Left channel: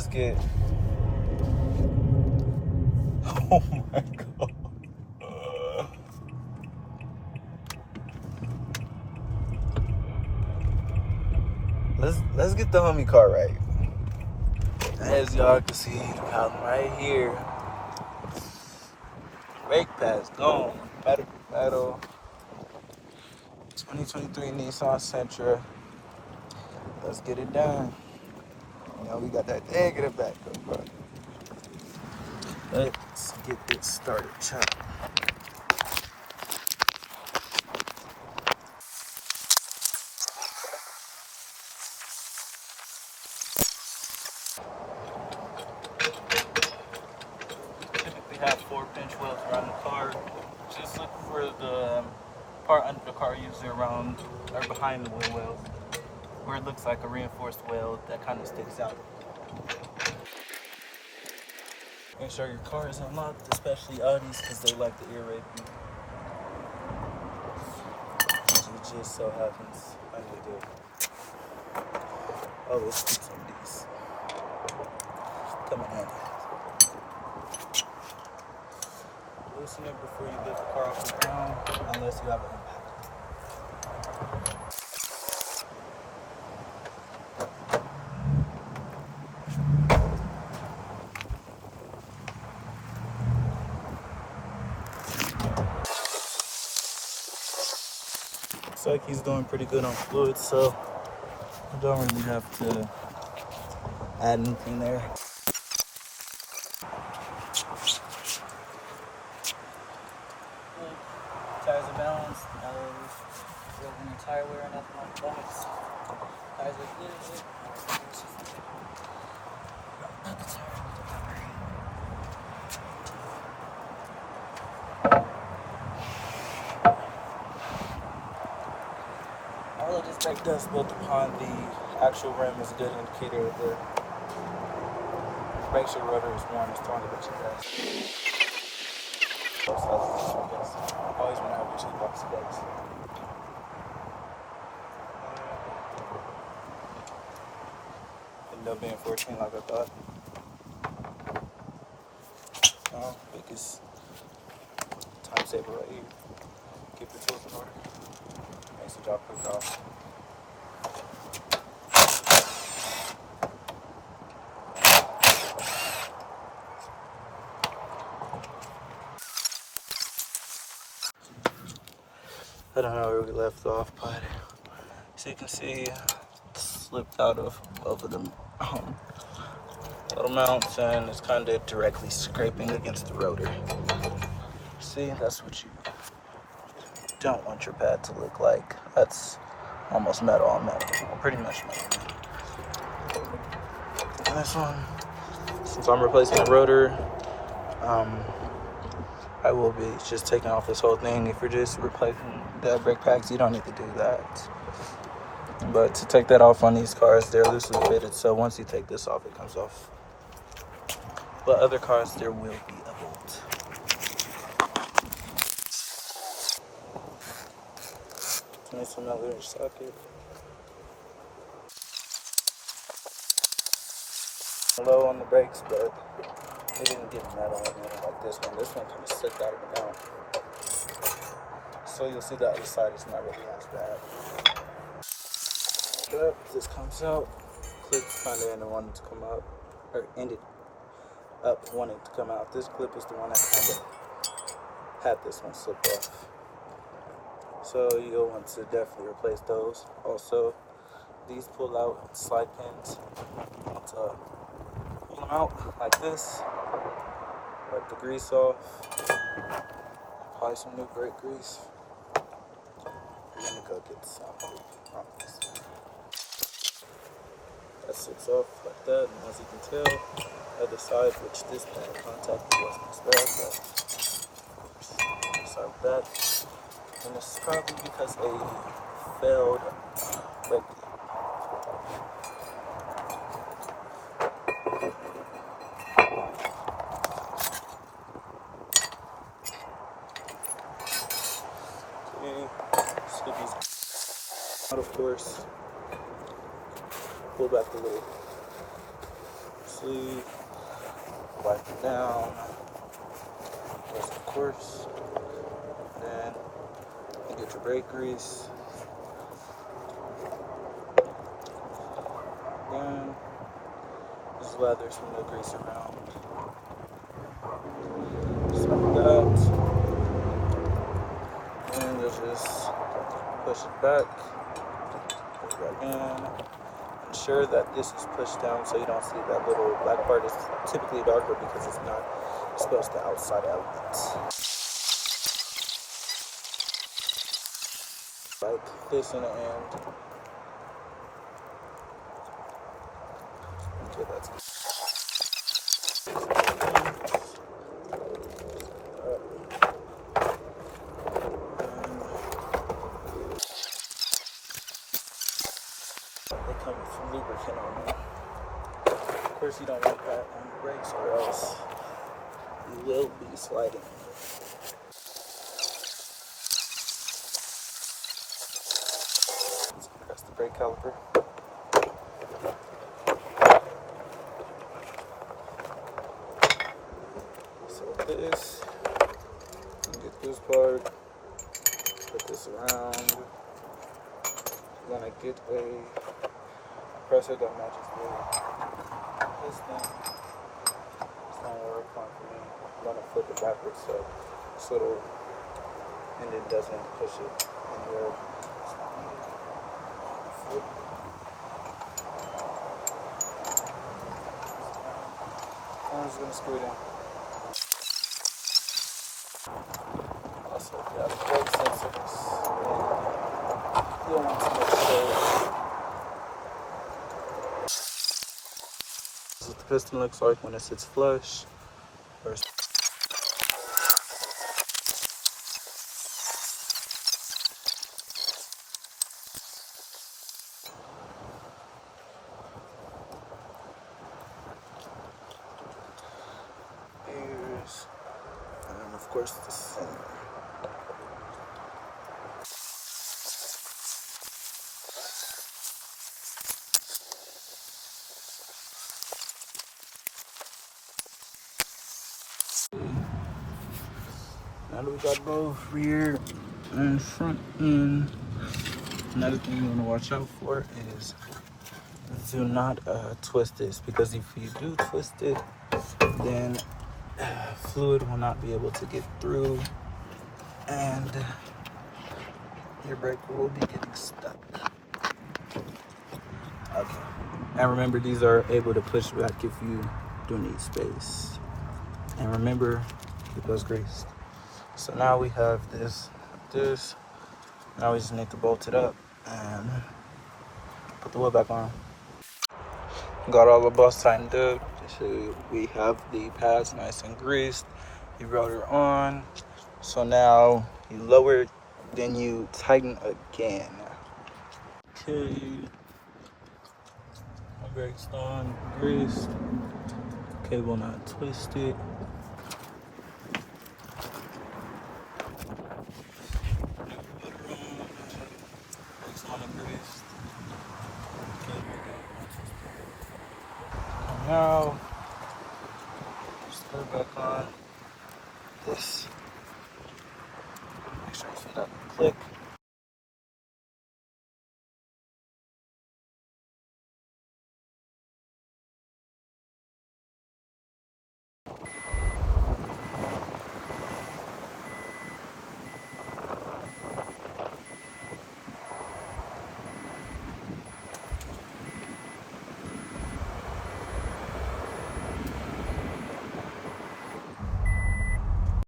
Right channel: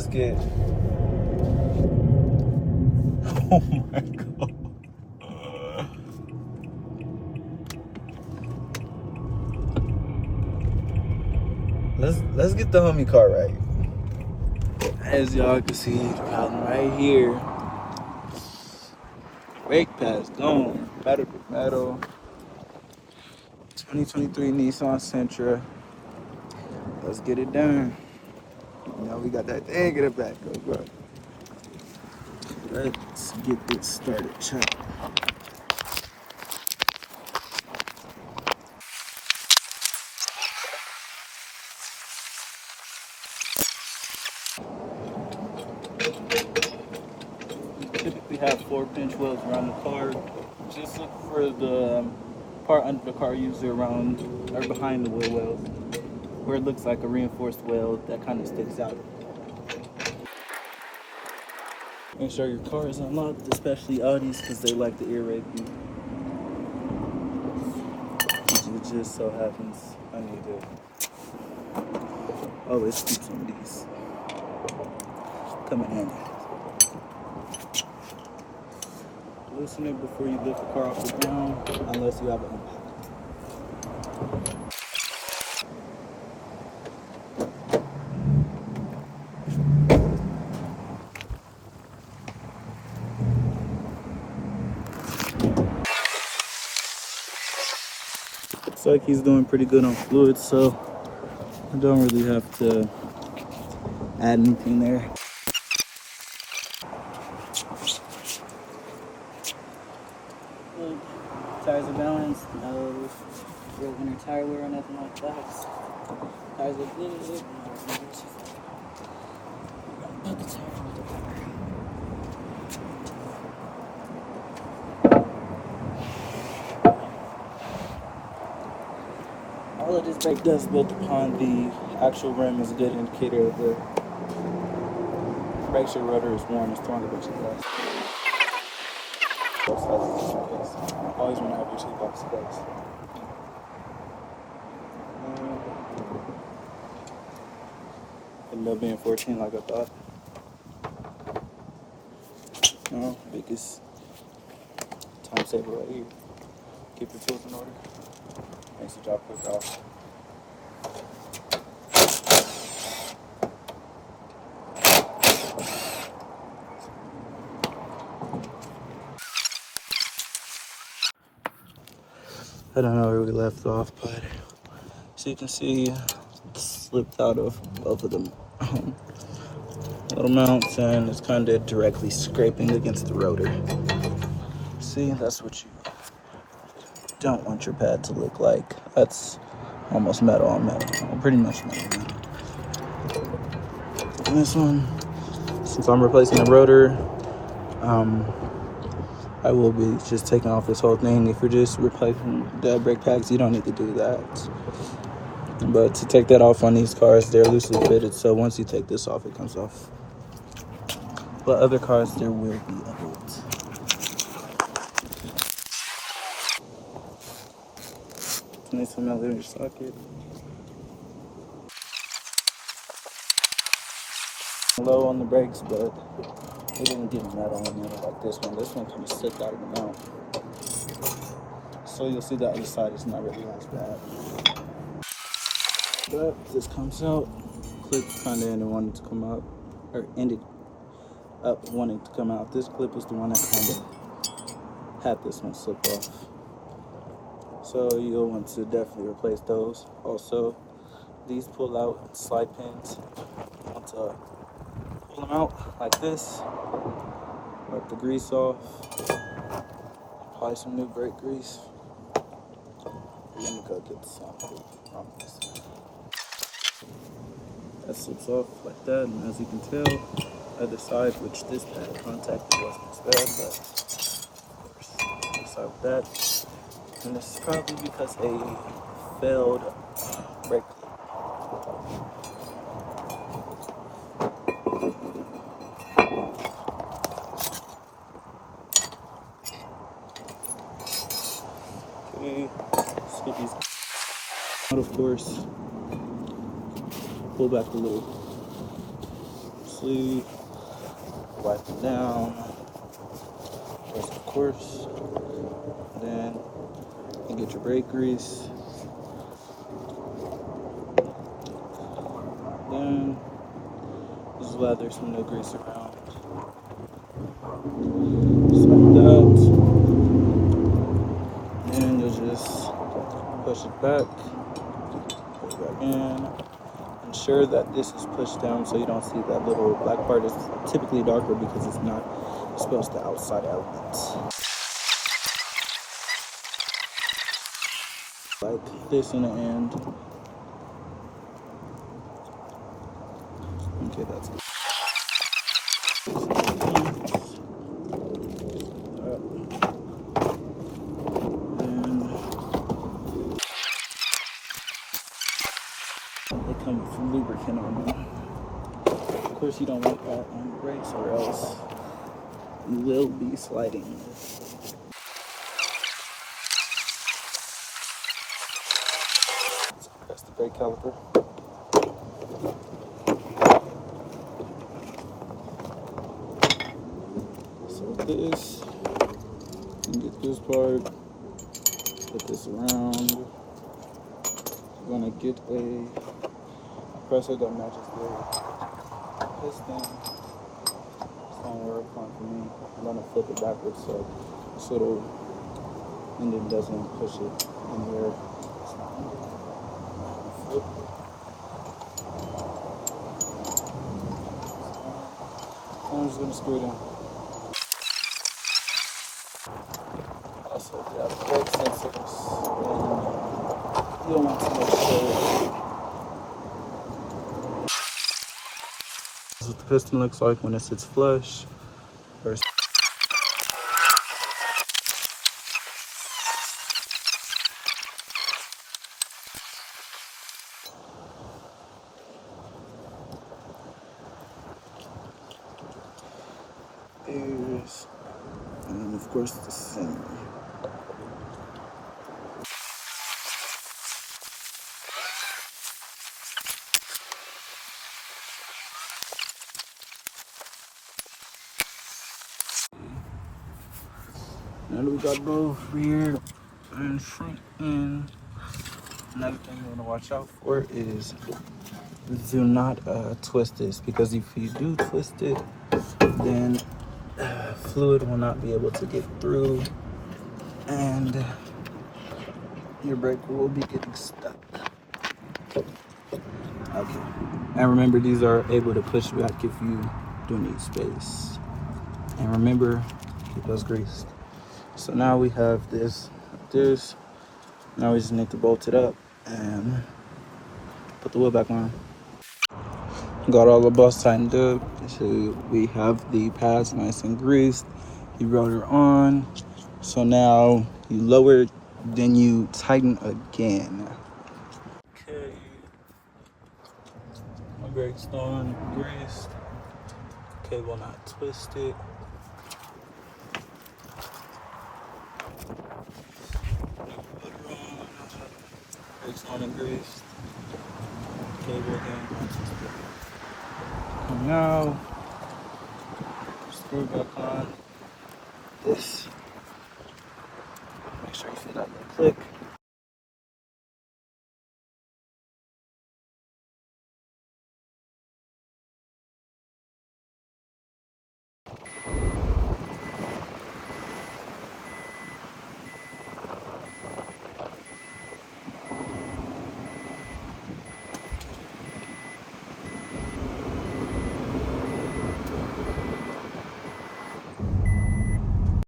let's get. Oh my god. Let's get the homie car right. As y'all can see, I'm right here. Brake pads going, pedal to metal. 2023 Nissan Sentra. Let's get it done. You know, we got that thing in the back, bro. Let's get this started, chop. Typically have 4-pinch wheels around the car. Just look for the part under the car, usually around or behind the wheel well, where it looks like a reinforced wheel that kind of sticks out. Make sure your car is unlocked, especially Audis, because they like to ear rape you. It just so happens I need to. Oh, let's keep some of these. Come in handy. Loosen it before you lift the car off the ground, unless you have an impact. Looks like he's doing pretty good on fluid, so don't really have to add anything there. Tires are balanced, no real any tire wear or nothing like that. Tires are good. Not the tire, not the tire. All of this brake does built upon the actual rim is a good indicator of the brake sure rotor is warm, it's throwing the brake gas. Always want to have your toolbox closed. Ended up being 14 like I thought. Biggest time saver right here. Keep your tools in order. Makes the job quick off. I don't know where we left off, but as you can see, it slipped out of both of them little mounts, and it's kind of directly scraping against the rotor. See, that's what you don't want your pad to look like. That's almost metal on metal, pretty much metal. And this one, since I'm replacing the rotor, I will be just taking off this whole thing. If you're just replacing the brake pads, you don't need to do that. But to take that off on these cars, they're loosely fitted, so once you take this off, it comes off. But other cars, there will be a bolt. Nice elevator socket. Low on the brakes, but it didn't get right on there like this one. This one can sit there and mount. So you'll see the other side is not really as bad. But this comes out. Clips kind of ended wanted to come out, or ended up wanting to come out. This clip is the one that kind of had this one slip off. So you'll want to definitely replace those. Also, these pull out slide pins. So pull them out like this. Wipe the grease off. Apply some new brake grease. I'm gonna go get some. That sits up like that, and as you can tell, other side, which this contact was instead. Just like that. And this is probably because they failed brake. Of course, pull back the lid. sleeve, lock it down, press the course, then you get your brake grease, then just lather some no grease around. Just like that. And just push it back, put it back in. Ensure that this is pushed down so you don't see that little black part. Is typically darker because it's not supposed to outside elements. Like this in the end. Okay, that's it. It comes from lubricant. Of course, you don't want that on the brakes, or else you will be sliding. That's the brake caliper. So this, you get this part, put this around. You're gonna get a compressor that matches the piston. It's gonna work fine for me. I'm gonna flip it backwards so this little engine doesn't push it anywhere. I'm just gonna screw it in. Also, grab both sensors. You don't want to this is what the piston looks like when it sits flush versus ears, and of course the Sentra. Now that we got both rear and front end, another thing you want to watch out for is do not twist this, because if you do twist it, then fluid will not be able to get through and your brake will be getting stuck. Okay. And remember, these are able to push back if you do need space. And remember, it was greased. So now we have this. Now we just need to bolt it up and put the wheel back on. Got all the bolts tightened up. So we have the pads nice and greased. The rotor on. So now you lower it, then you tighten again. Okay. Brakes on, greased. Cable not twisted. Rotor on. Brakes on and greased. Cable down. Now, screw back on this. Make sure you feel that little click.